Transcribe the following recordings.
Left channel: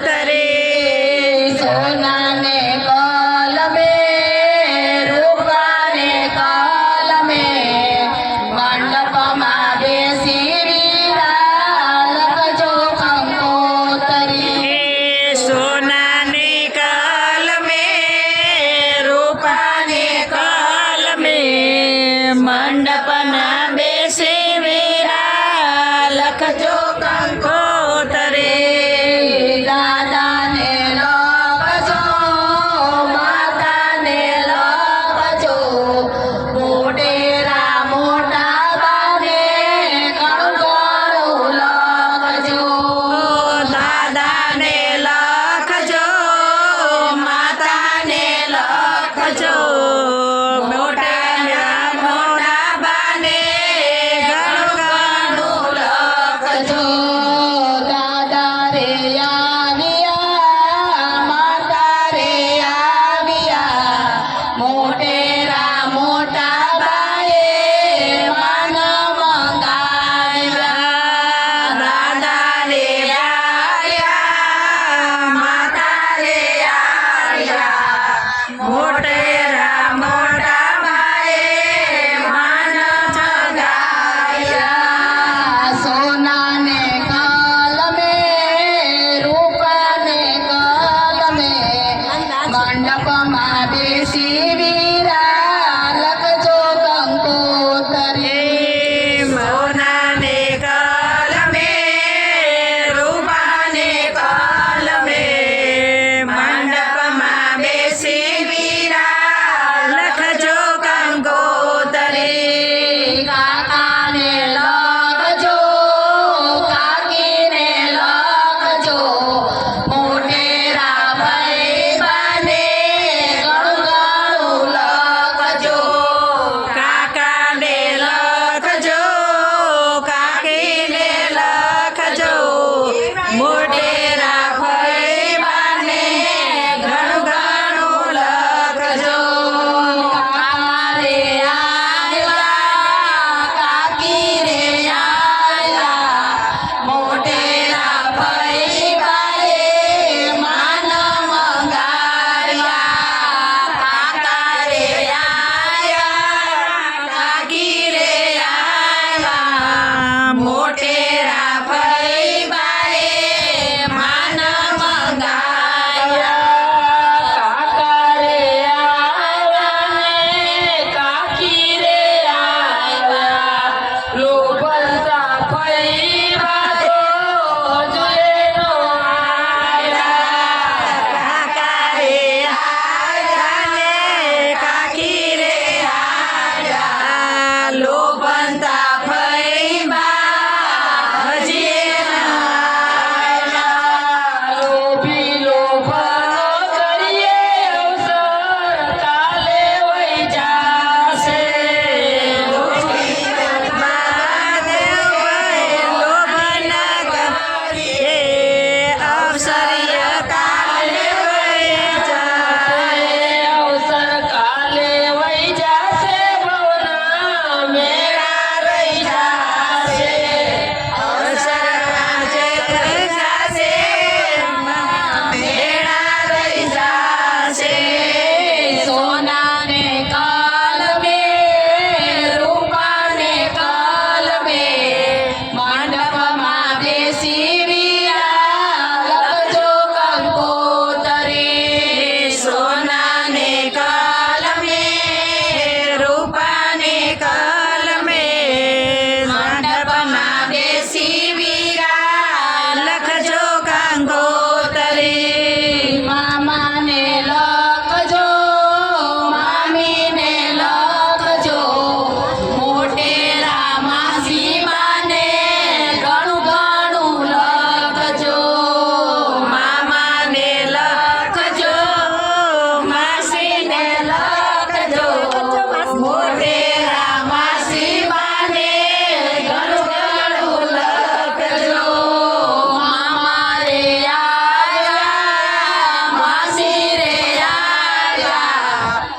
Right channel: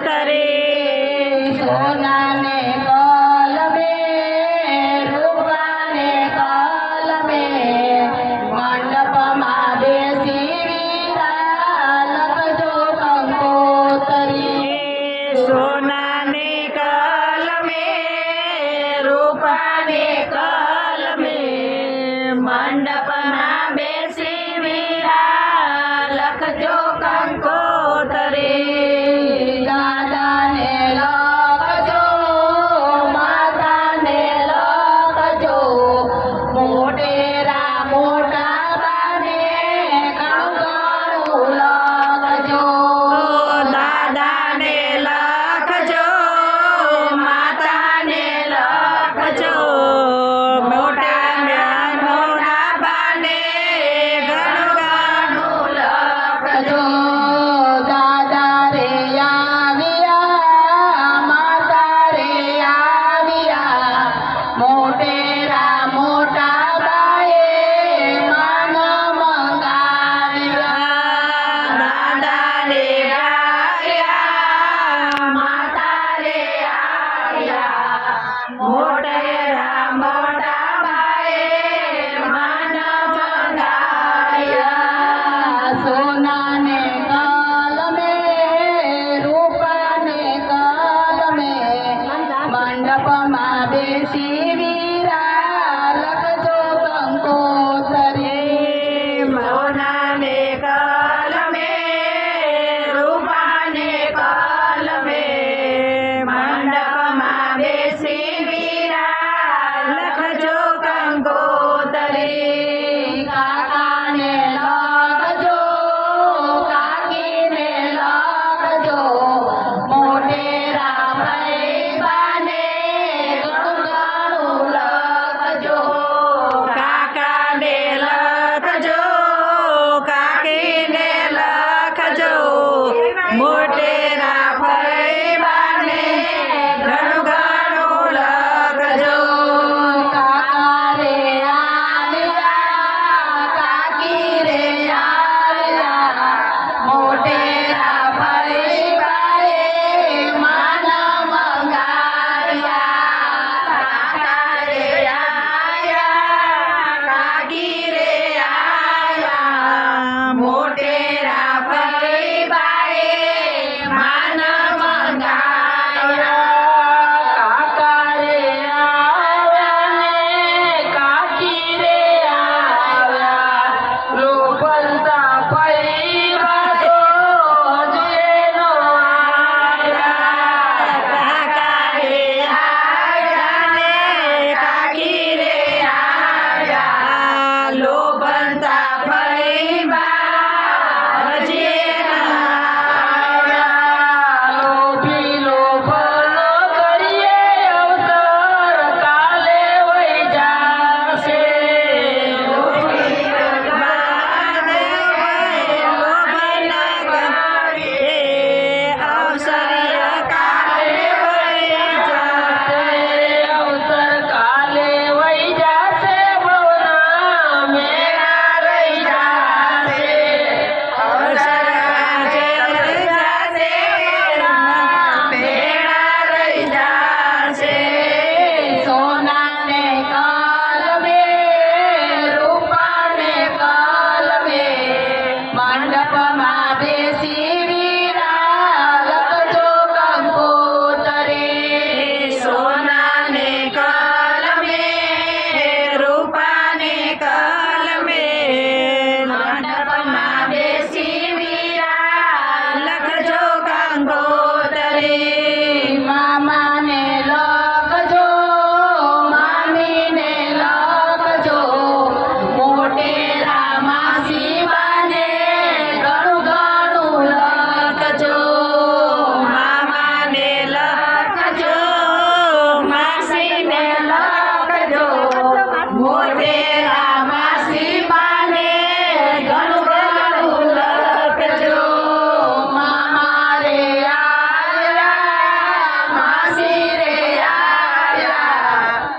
that is. Motera મોટા બાએ માન મંગાવ્યા. દાદા રે આવ્યા માતા રે આવ્યા देशी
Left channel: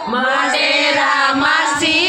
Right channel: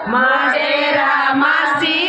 Mas era, mas sí.